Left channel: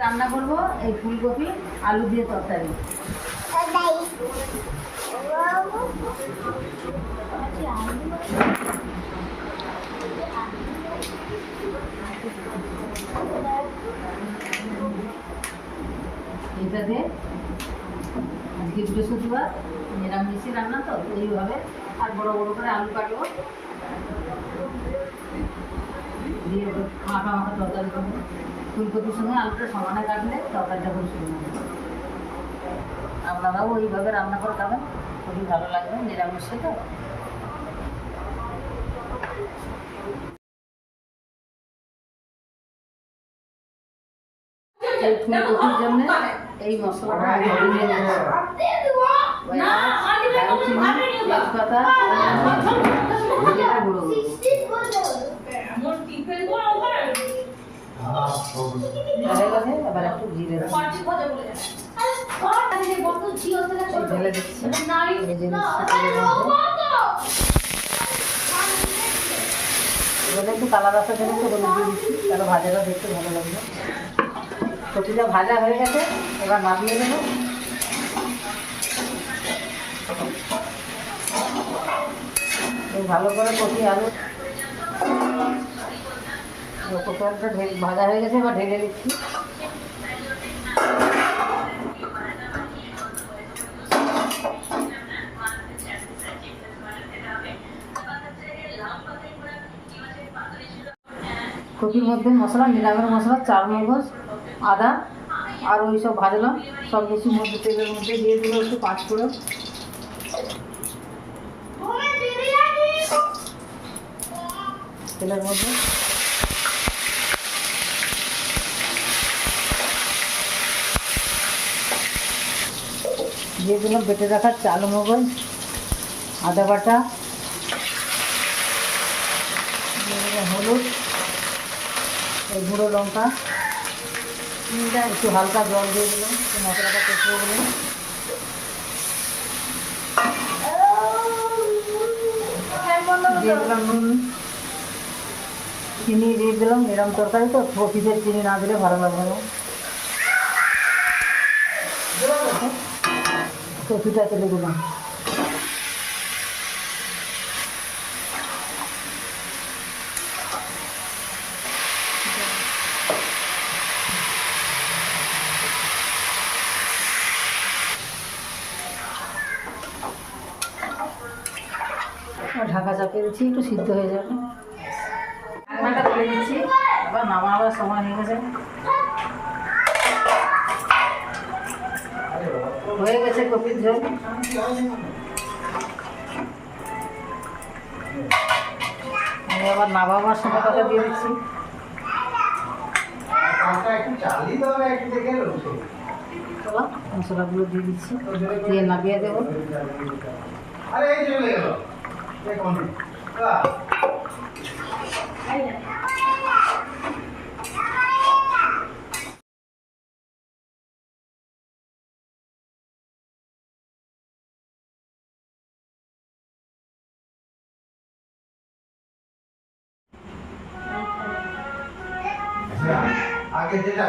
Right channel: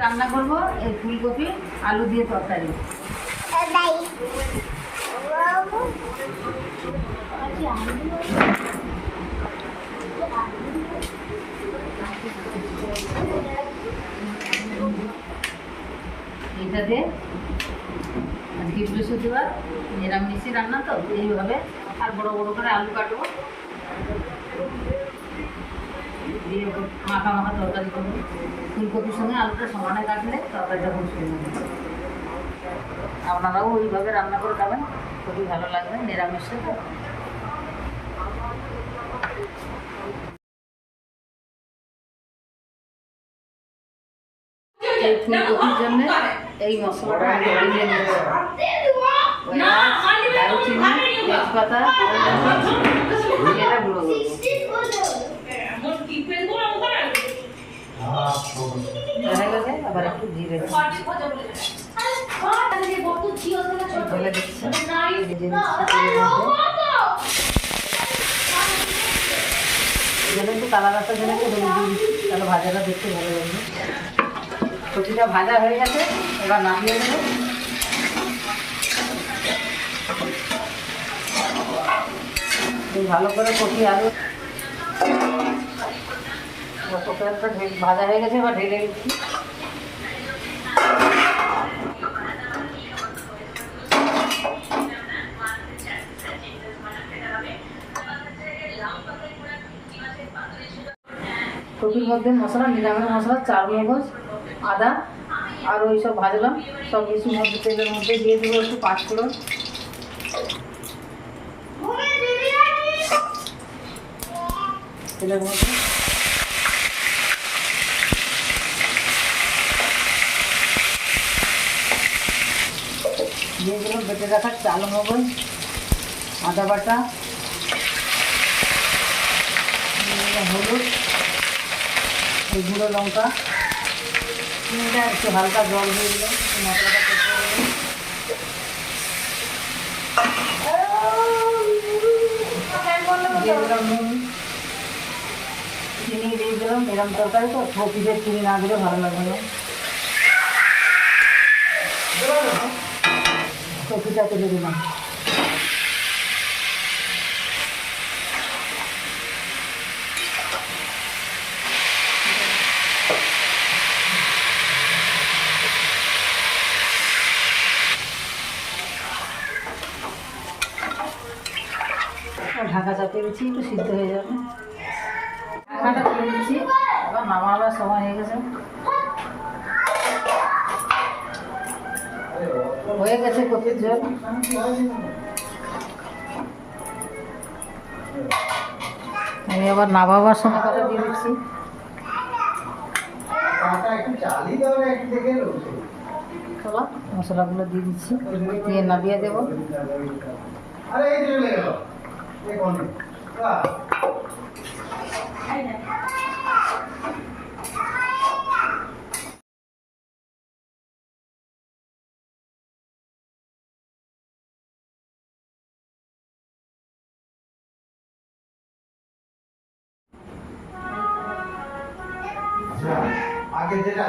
রান্না করব এই ফুলকপি আলু দিয়ে তরকারি। এইটা দিয়ে আজকে বৃহস্পতিবার নিরামিষই রান্না, তো এইভাবে আর বড় বড় করে আলু কাটবো, দিয়ে মাখা মাখা তরকারি করবো। ফুলকপির সঙ্গে আলুটা সমানে কাটলে তরকারিটা খুব সুন্দর হবে। আপনারাও ওইভাবে রান্না করে খাবেন, খুবই ভালো লাগবে, নিরামিষে তো। এই ফুলকপির জন্য এই মশলাটা আমি নিয়ে নিচ্ছি। দারুচিনি, তেজপাতা, এটা গুঁড়ো করবো। আবার একটু জিরে ঢেলে দিচ্ছি। একটু কালা রাস্তা জন্য দিয়ে দিচ্ছি, তাহলে ভাজাটা দেখতে ভালো লাগবে। কপিটা ভাজা হয়ে গেছে, এবার নামিয়ে নেব। ভালো করে কপি আলু কপি আলুটা ভাজা হয়ে গেছে, এবার ঢেলে দিচ্ছি। কপির মধ্যে মশলা, নিরামিষ মশলা, চারমগজ, আদা আর ওই সব ভাজলাম, সব কিছুর মধ্যে তেলের মধ্যে দিয়ে দেবো একটু পাঁচফোড়ন, তেলের মধ্যে দিয়ে দিলাম বেটে রাখার চারমগজ, আদা বাটা, হলুদ, গুঁড়ো লঙ্কা, একটু হালকা জল দিয়ে দিলাম, মশলাটা কষিয়ে নিলাম। চিনি দিয়ে দিলাম, এরকম তরকারি তো কপিতে চিনি না দিলে ভালো লাগবে না। কপিটা তুলে দিলাম। ঢাকা চাপিয়ে দিচ্ছি, একটু সিদ্ধ হয়ে যাবে। ঢাকনাটা করে দিচ্ছি, আবার নামাবার সময় হয়ে গেছে। হয়ে গেছে কপির ঝোল। আমি আবার নামাবার সময়টা দিয়ে দিচ্ছি। মশলাগুলো দিয়ে দিচ্ছি, দিয়ে নামিয়ে দেবো। আগে যেটা